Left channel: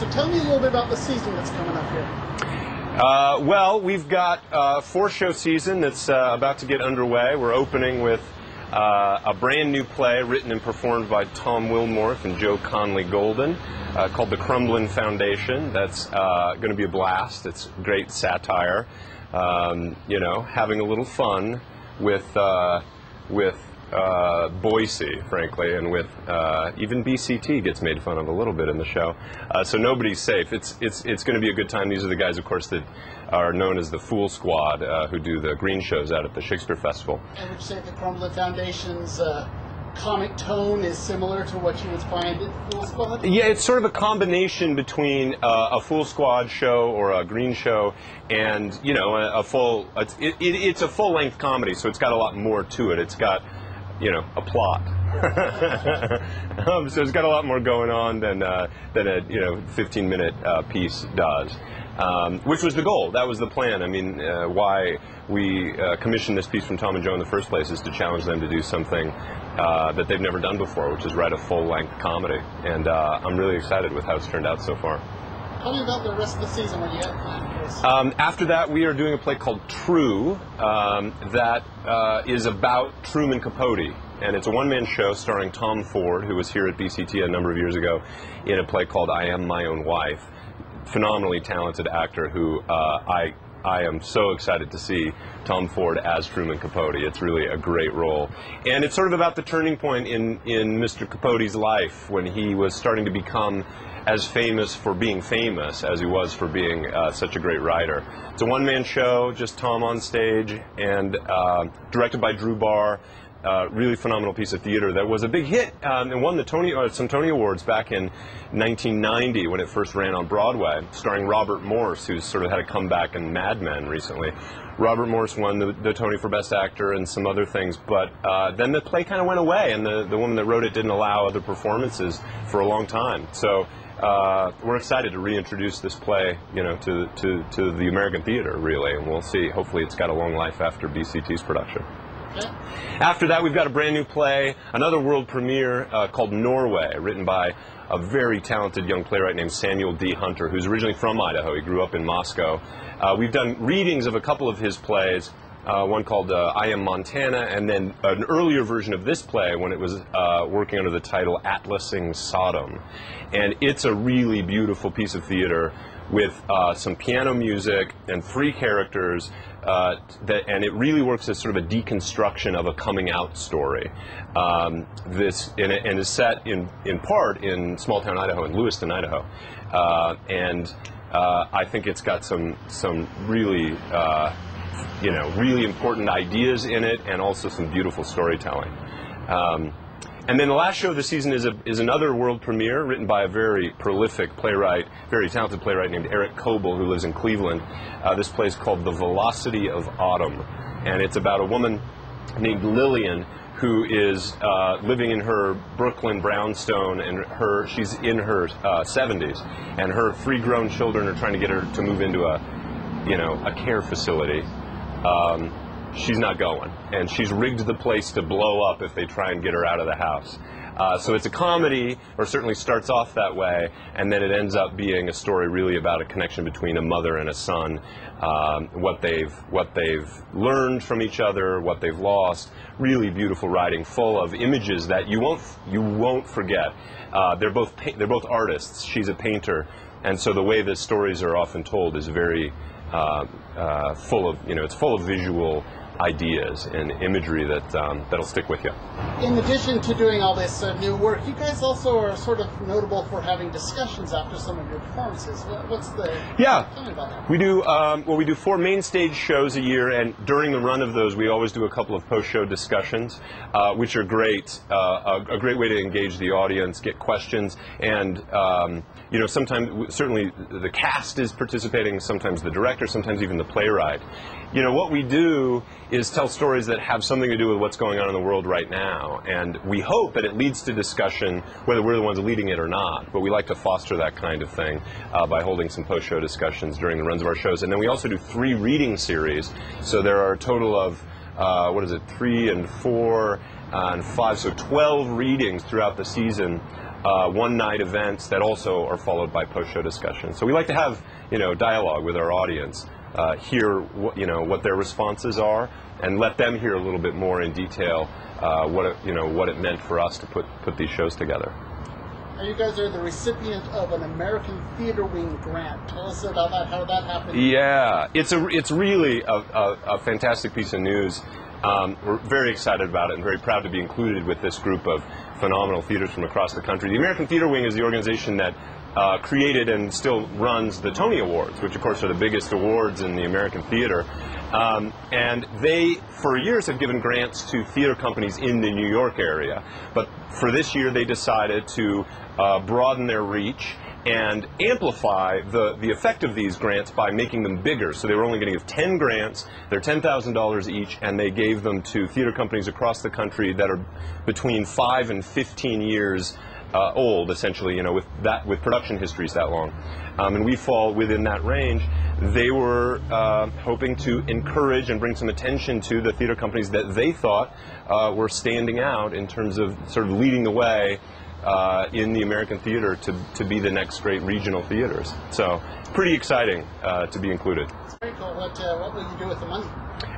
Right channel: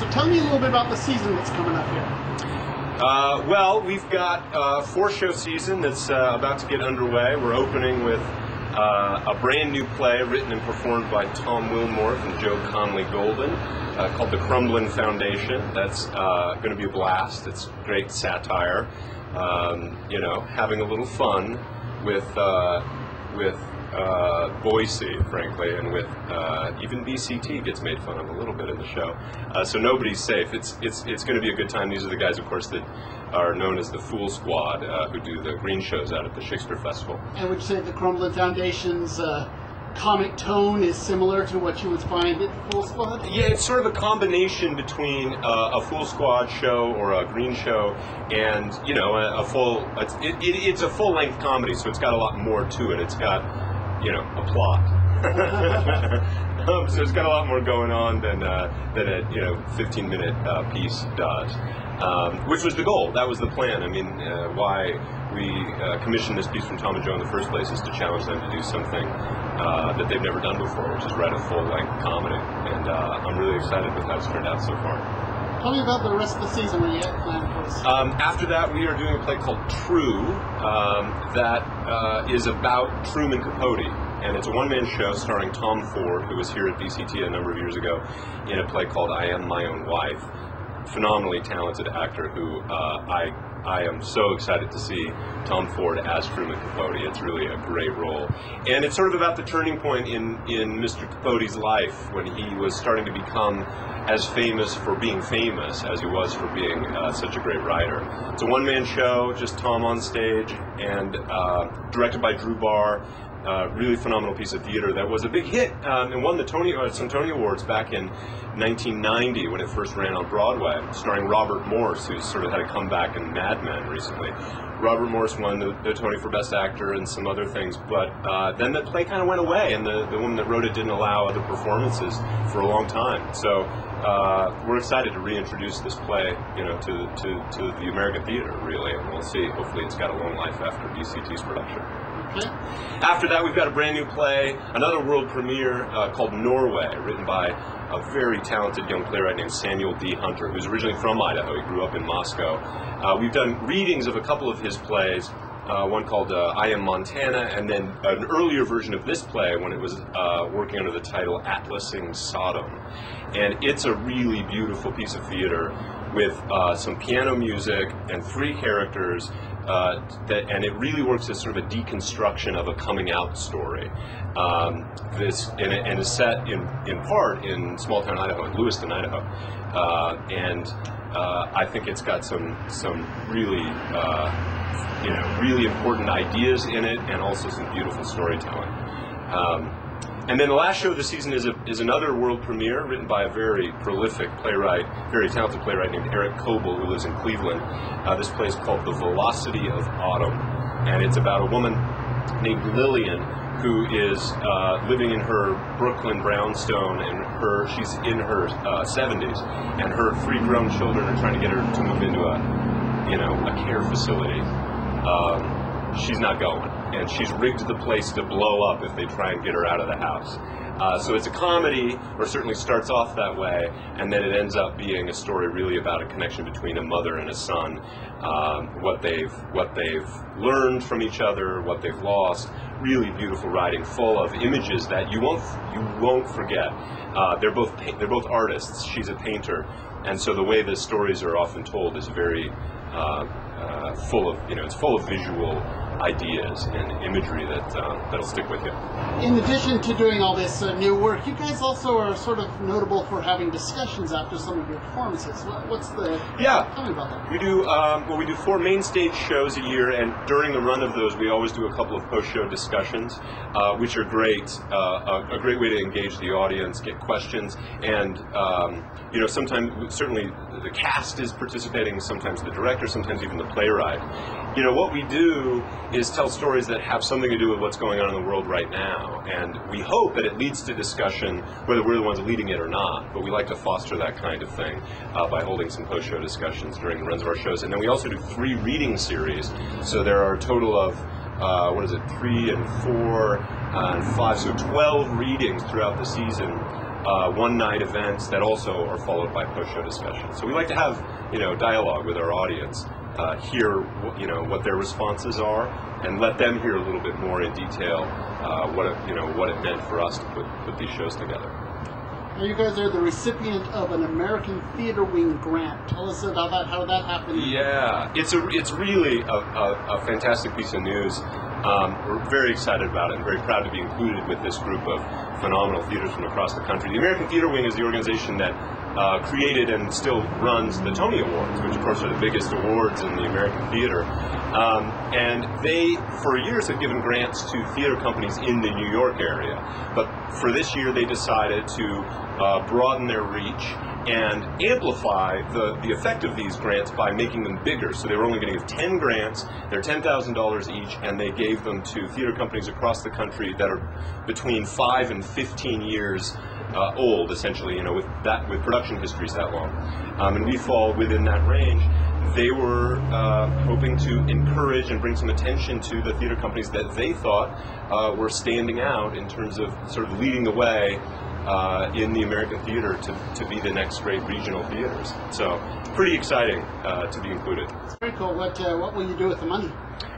So tell me a little bit about the season that's coming up here. Well, we've got a 4-show season that's about to get underway. We're opening with a brand new play written and performed by Tom Wilmorth and Joe Conley Golden called The Crumbling Foundation. That's going to be a blast. It's great satire, having a little fun with Boise, frankly, and with even BCT gets made fun of a little bit in the show. So nobody's safe. It's going to be a good time. These are the guys, of course, that are known as the Fool Squad, who do the green shows out at the Shakespeare Festival. And would you say the Crumbling Foundation's comic tone is similar to what you would find at the Fool Squad? Yeah, it's sort of a combination between a Fool Squad show or a green show and, a full. It's a full-length comedy, so it's got a lot more to it. It's got a plot. So it's got a lot more going on than a 15-minute piece does, which was the goal. That was the plan. I mean, why we commissioned this piece from Tom and Joe in the first place is to challenge them to do something that they've never done before, which is write a full-length comedy. And I'm really excited with how it's turned out so far. Tell me about the rest of the season when you have planned for us. After that, we are doing a play called True that is about Truman Capote. And it's a one-man show starring Tom Ford, who was here at BCT a number of years ago in a play called I Am My Own Wife. Phenomenally talented actor who I am so excited to see Tom Ford as Truman Capote. It's really a great role. And it's sort of about the turning point in Mr. Capote's life when he was starting to become as famous for being famous as he was for being such a great writer. It's a one-man show, just Tom on stage, and directed by Drew Barr. Really phenomenal piece of theater that was a big hit and won some Tony Awards back in 1990 when it first ran on Broadway, starring Robert Morse, who's sort of had a comeback in Mad Men recently. Robert Morse won the Tony for Best Actor and some other things, but then the play kind of went away, and the woman that wrote it didn't allow other performances for a long time. So we're excited to reintroduce this play, to the American theater, really, and we'll see. Hopefully, it's got a long life after BCT's production. Yeah. After that, we've got a brand new play, another world premiere called Norway, written by a very talented young playwright named Samuel D. Hunter, who's originally from Idaho. He grew up in Moscow. We've done readings of a couple of his plays, one called I Am Montana, and then an earlier version of this play when it was working under the title Atlasing Sodom. And it's a really beautiful piece of theater with some piano music and 3 characters, and it really works as sort of a deconstruction of a coming out story. And is set in part in small town Idaho, in Lewiston, Idaho. I think it's got some really really important ideas in it, and also some beautiful storytelling. And then the last show of the season is another world premiere written by a very prolific playwright, very talented playwright named Eric Coble, who lives in Cleveland. This play is called The Velocity of Autumn, and it's about a woman named Lillian who is living in her Brooklyn brownstone, and she's in her 70s, and her 3 grown children are trying to get her to move into a care facility. She's not going, and she's rigged the place to blow up if they try and get her out of the house. So it's a comedy, or certainly starts off that way, and then it ends up being a story really about a connection between a mother and a son, what they've learned from each other, what they've lost. Really beautiful writing, full of images that you won't forget. They're both artists. She's a painter, and so the way the stories are often told is very full of it's full of visual ideas and imagery that'll stick with you. In addition to doing all this new work, you guys also are sort of notable for having discussions after some of your performances. What's the... Yeah. Tell me about that. We do, we do 4 main stage shows a year, and during the run of those, we always do a couple of post-show discussions, which are great, a great way to engage the audience, get questions, and, sometimes, certainly, the cast is participating, sometimes the director, sometimes even the playwright. What we do is tell stories that have something to do with what's going on in the world right now, and we hope that it leads to discussion, whether we're the ones leading it or not, but we like to foster that kind of thing by holding some post-show discussions during the runs of our shows. And then we also do 3 reading series, so there are a total of 3 and 4 and 5, so 12 readings throughout the season one-night events that also are followed by post-show discussions. So we like to have, dialogue with our audience, hear what their responses are, and let them hear a little bit more in detail what it meant for us to put these shows together. Now you guys are the recipient of an American Theater Wing grant. Tell us about that. How did that happen? Yeah, it's really a fantastic piece of news. We're very excited about it and very proud to be included with this group of phenomenal theaters from across the country. The American Theater Wing is the organization that created and still runs the Tony Awards, which of course are the biggest awards in the American theater. And they, for years, have given grants to theater companies in the New York area. But for this year, they decided to broaden their reach and amplify the effect of these grants by making them bigger. So they were only going to give 10 grants. They're $10,000 each, and they gave them to theater companies across the country that are between 5 and 15 years old, essentially, with production histories that long. And we fall within that range. They were hoping to encourage and bring some attention to the theater companies that they thought were standing out in terms of sort of leading the way in the American theater to be the next great regional theaters. So pretty exciting to be included. Very cool. What will you do with the money?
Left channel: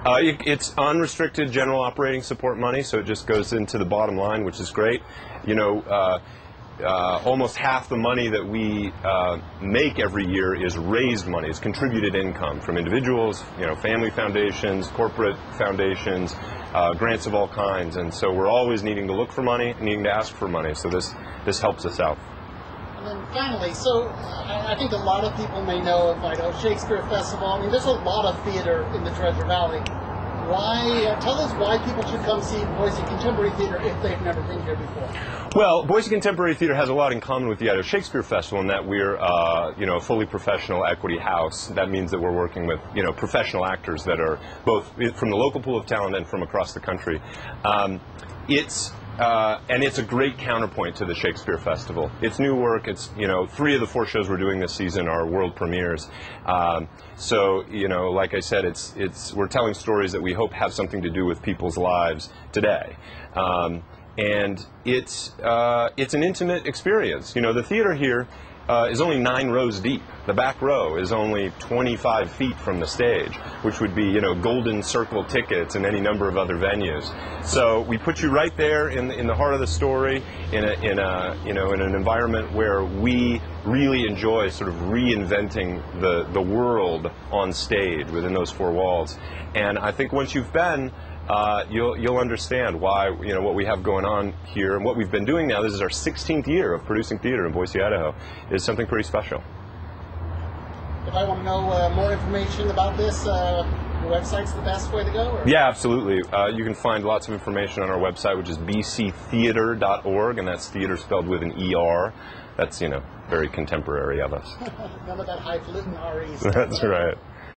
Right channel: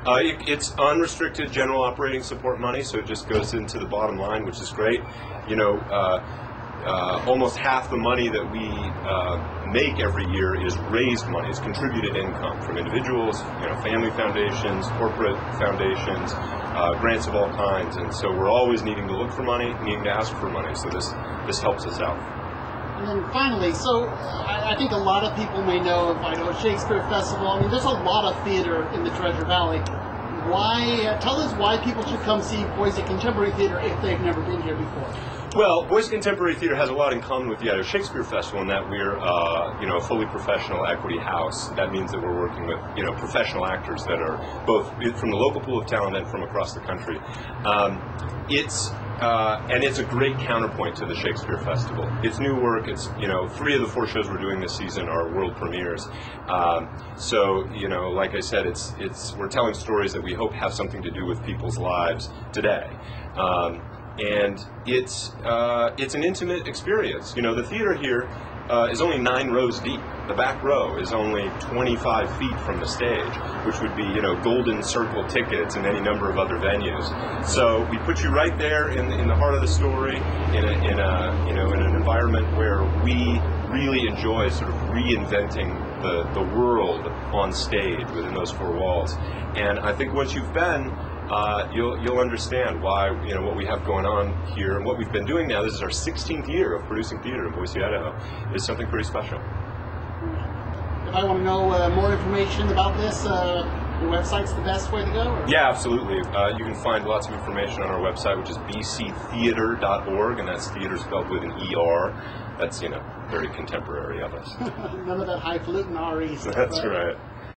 It's unrestricted general operating support money, so it just goes into the bottom line, which is great. Almost half the money that we make every year is raised money. It's contributed income from individuals, family foundations, corporate foundations, grants of all kinds. And so we're always needing to look for money, needing to ask for money. So this helps us out. And then finally, so I think a lot of people may know of Idaho Shakespeare Festival. I mean, there's a lot of theater in the Treasure Valley. Tell us why people should come see Boise Contemporary Theater if they've never been here before. Well, Boise Contemporary Theater has a lot in common with the Idaho Shakespeare Festival in that we're, a fully professional equity house. That means that we're working with, professional actors that are both from the local pool of talent and from across the country. And it's a great counterpoint to the Shakespeare Festival. It's new work. It's 3 of the 4 shows we're doing this season are world premieres. So like I said, we're telling stories that we hope have something to do with people's lives today. And it's an intimate experience. The theater here is only 9 rows deep. The back row is only 25 feet from the stage, which would be, golden circle tickets and any number of other venues. So we put you right there in the heart of the story, in an environment where we really enjoy sort of reinventing the world on stage within those 4 walls. And I think once you've been, you'll understand why, what we have going on here and what we've been doing now. This is our 16th year of producing theater in Boise, Idaho. Is something pretty special. If I want to know more information about this, your website's the best way to go? Or? Yeah, absolutely. You can find lots of information on our website, which is bctheater.org, and that's theater spelled with an ER. That's, very contemporary of us. None of that highfalutin RE stuff. That's right.